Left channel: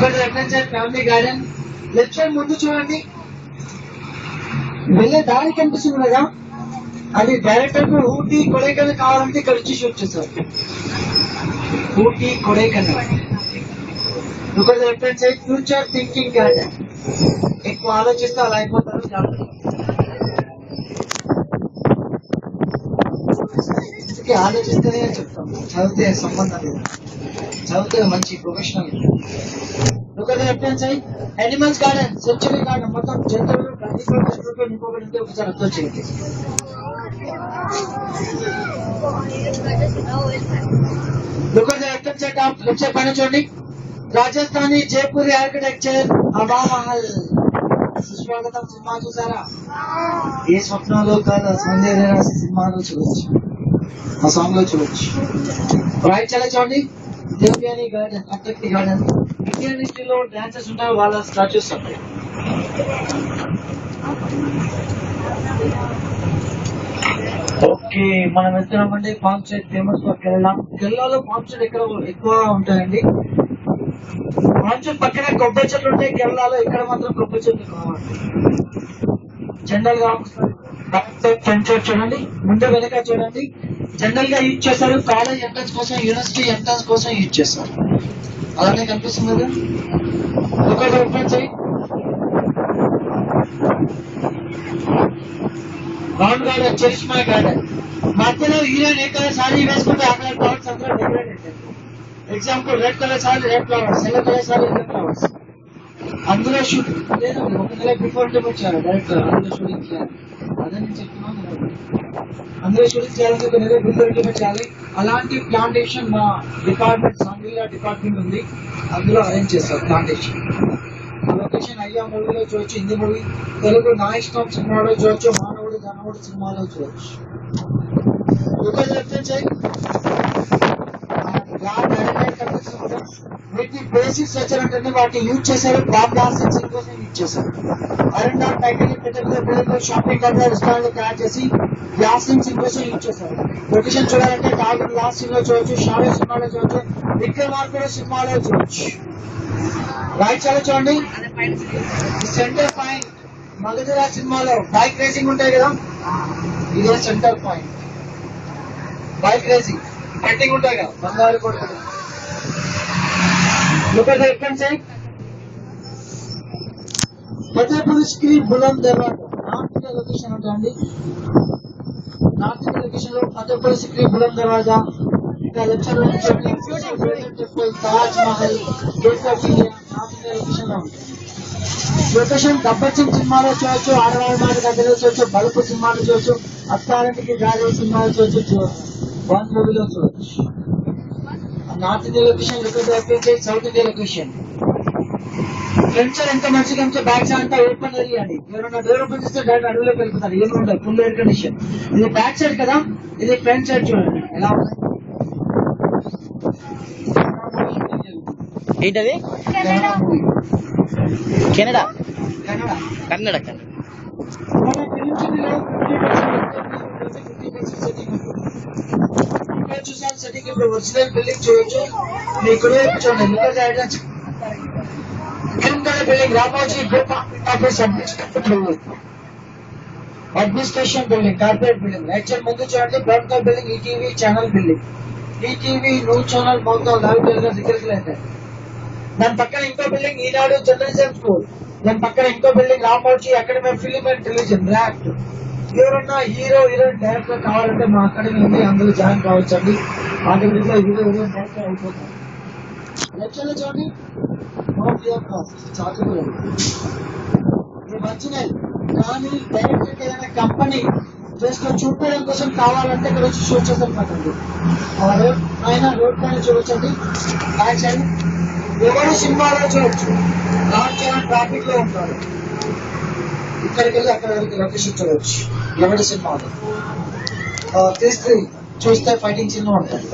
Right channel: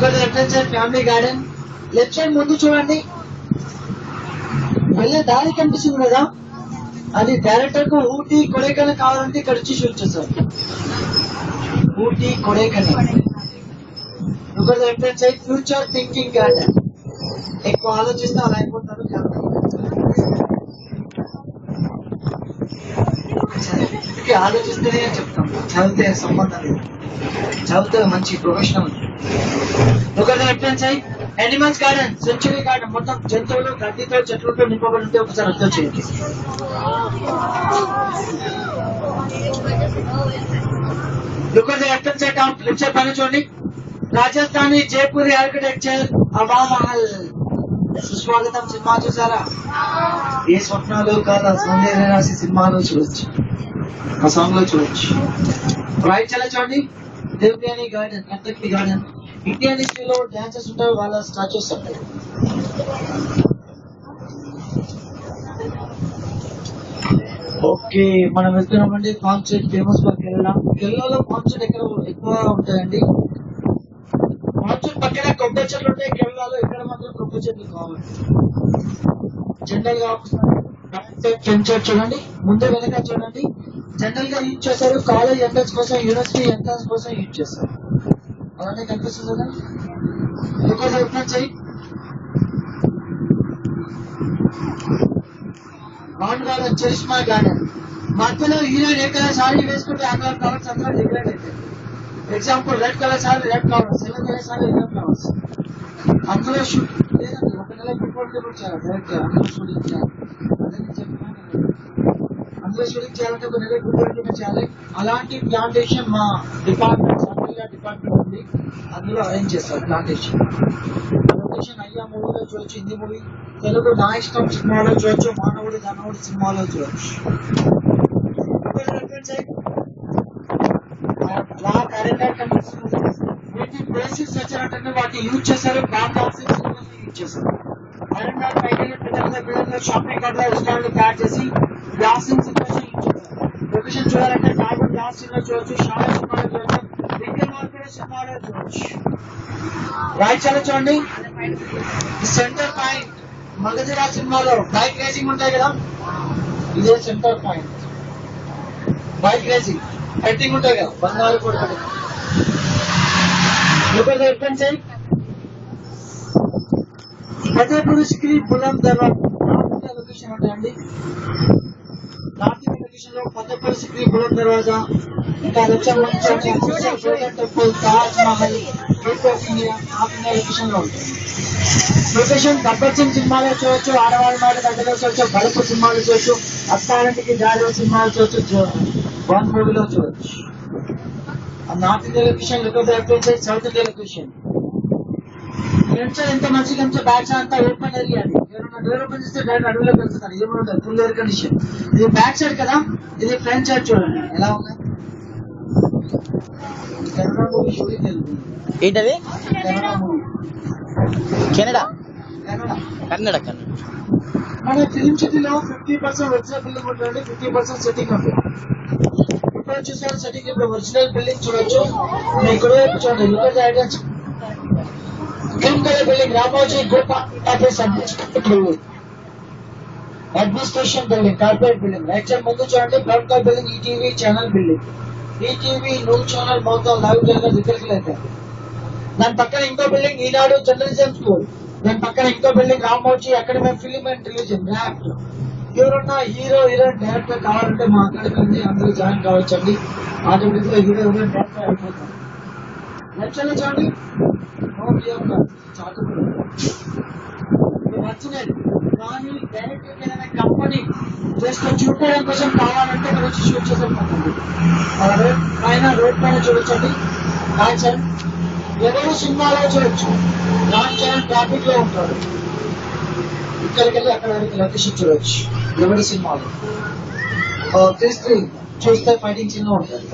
Family garden. Left side ముందు చూడండి, వెళ్ళే దారి కనిపిస్తుంది కదా, అది డైరెక్టర్ కు ఊటీ కొడైకెనాల్ కావాలంటే ఇక్కడ వచ్చి షూట్ చేస్తారు. Ooty Kodaikanal. Left side future thinking garden. ఎక్కువ ఆలోచిస్తే అలా అయిపోతారు. అందుకే ఆలోచిస్తేనే చెప్తాం, చదివితే సంబంధం లేదు, చదివితే మంచి professional. Left side animals garden, century garden. మొత్తం జంతువులు గడ్డితో చెట్లతో నింపబడి ఉంటే ఒకసారి అర్థం చేయండి. లెఫ్ట్ సైడ్ పైన చూడండి, రాజస్థానీ జైపూరి ఆర్కిటెక్చర్, హవా మహల్. సుస్వాగతం సినిమా చూసారా? ఏ స్వప్నాలు కాదు, సౌందర్య రాసి సినిమాలో చూడొచ్చు, ఆ సాంగ్ లో చూడొచ్చు. రైట్ చాలా చూడండి, దేవ్యాని గార్డెన్, కథక్కి గార్డెన్. ఇండియన్ హిస్టరీలో డాన్సెస్ ఉంటాయి, వాళ్ళ స్టాచ్యూస్ ఉంటాయి. ఓకే, మనం వెళ్తున్నామండి పామ్ చెట్, ఫేమస్ ఫర్ కేరళ. కేరళలో పామ్ చెట్ ఎక్కడ ఎక్కువ ఉంటాయండి. పామ్ చెట్ పక్కనే కొబ్బరి చెట్లు ఉంటాయి కేరళలో, ఇక్కడ మాత్రం కొబ్బరి చెట్లు కావాలి. జనరల్ గా ఫ్రంట్ సైడ్ చూడండి, ముందే వెనక చూడండి. జనరల్ గా యూజ్ చేస్తారు కాలేజ్ ఎంట్రన్స్ కోసం, యూనివర్సిటీ ఎంట్రన్స్ కోసం యూజ్ చేస్తారు. అలానే కనిపిస్తుంది కదా. Front side round garden, charisma garden. మధ్యలో హీరోయిన్ ఏ కలర్ సారీ వేసుకుంటే ఆ కలర్ ఫ్లవర్స్ అంతా డెకరేట్ అవుతాయి. Example red colour sari red flowers, yellow colour sari yellow flowers. అందులో షూట్ లేదండి, ఒక నెల బిఫోర్ అంటే వచ్చారు డైరెక్ట్ అందులో షూటింగ్ చేయాలి. అదే నేను చెప్తున్నాను, అందులో షూటింగ్ చేయాలంటే ఒక నెల బిఫోర్ చేయాలి. అలాంటి ప్లాంటేషన్ మా డిపార్ట్మెంట్, సంఘీయ డిపార్ట్మెంట్ ఉంది, అందులో అరేంజ్ చేస్తారు ప్లాంటేషన్. లొకేషన్ అయ్యా మూవీలో చూడొచ్చు, హిందీ మూవీ. తెలుగు నా ఇష్టం సినిమాలో చూడొచ్చు, మానవుడు ధనవుడు సినిమాలో చూడొచ్చు. వీటి బేసిక్ స్ట్రక్చర్ అంటే వాటి యూజ్ చేశారు బాంబ్ బ్లాస్టింగ్ కోసం యూజ్ చేశారు. అరెండార్ ప్యాకేజ్ బిల్డింగ్ లో షాపింగ్ కార్డ్ రెస్టారెంట్ తయారు చేసి బ్లాస్టింగ్ కోసం యూజ్ చేశారు. లొకేషన్ చూడాలంటే టాగూర్ లాస్ట్ సినిమా చూడొచ్చు, షాడో సినిమాలో చూడొచ్చు, విక్రమార్కుడు సినిమాలో చూడొచ్చు. రైట్ చాలా చూడండి, సెంటర్ పాయింట్ మగధీర సినిమాలో బైక్ రేసింగ్ ఉంటాయి కదా, ఇదే centre point. Bike racing fighting ఉంటాయి కదా, బంగారు కొడుకు. ఫతేపూర్ సిక్రీ బులంద్ దర్వాజా నార్త్ ఇండియా లొకేషన్ ఉంటాయండి. నార్త్ ఇండియా లొకేషన్ లో ఫతేపూర్ సిక్రీ బులంద్ దర్వాజా, ఇంకా temple, Taj Mahal, gate of India north India location లో ఉంటాయి. లొకేషన్ గబ్బర్ సింగ్ సినిమాలో చూడొచ్చు, ఆడవాళ్ళ మాట దగ్గర చూడొచ్చు, బలపు సినిమాలో చూడొచ్చు, అత్తారింటికి దారి సినిమాలో చూడొచ్చు, బాంబ్ మూవీలో చూడొచ్చు. North India location, south India location. Front side ఎంత మంచిగా ఉంటే బ్యాక్ సైడ్ అంతా ఓపెన్ ఏరియా అండి. ఎవరైనా డోర్ ఓపెన్ చేస్తే డైరెక్ట్ అడవిలోకి వెళ్తున్నారు, ఏమి ఉంటాయి, ఫుల్ ఎయిర్ కండిషన్. ఇది బ్యాక్ సైడ్ కదా, ఇది ఫ్రంట్ సైడ్ చూడండి ఎలా ఉంది. ఏంటది? కెనడా. కన్నడ. మన ఫిలిం సిటీలో 50% వెబ్సైట్ బిల్డింగ్ ఉంటుంది, 50% సెట్టింగ్ ఉంటుంది. ఇక్కడ చూసారు సెట్టింగ్, ఇప్పుడు ఒరిజినల్ బిల్డింగ్ చూడొచ్చు. మీ కుడివైపు చూడండి, green colour building Ramoji administration building, corporate building. Right side ముందు చూడండి brown colour building, ETV channel building. ETV news channel మొత్తం లైవ్ తెలుగు దిగ్గరికి అయితే. దాని పక్కన ఇంకో బిల్డింగ్ ఈనాడు జర్నలిజం స్కూల్. దాని పక్కన ఇంకో building Ramoji academy film and television act. ఎవరన్నా హీరో హీరోయిన్ డైరెక్టర్ కావాలంటే మా అకాడమీ ఉంది, అందులో జాయిన్ కావచ్చు అండి. ఆటోమేటిక్ గా హీరో హీరోయిన్ డైరెక్టర్ అయిపోతారు. లెఫ్ట్ సైడ్ చూడండి, చాచుకులు వచ్చినాయి. కానీ డైరెక్టర్ ఏదైనా కంపెనీ జస్ట్ చూడడం కోసం కావాలంటే ఇక్కడ వచ్చి షూట్ చేసేటండి. పైన రోడ్ పైన చూడొచ్చండి. బ్యాక్ సైడ్ ఎవరు సినిమాలో చూడొచ్చు, రామ్ చరణ్ ట్రాఫిక్ లో ఉంటాడు, ఇక్కడికి వెళ్ళి అక్కడ లొకేషన్ చూడొచ్చు. ఎవరి సినిమాలో చూస్తే ఫైటింగ్ సినిమా ఉంటుంది.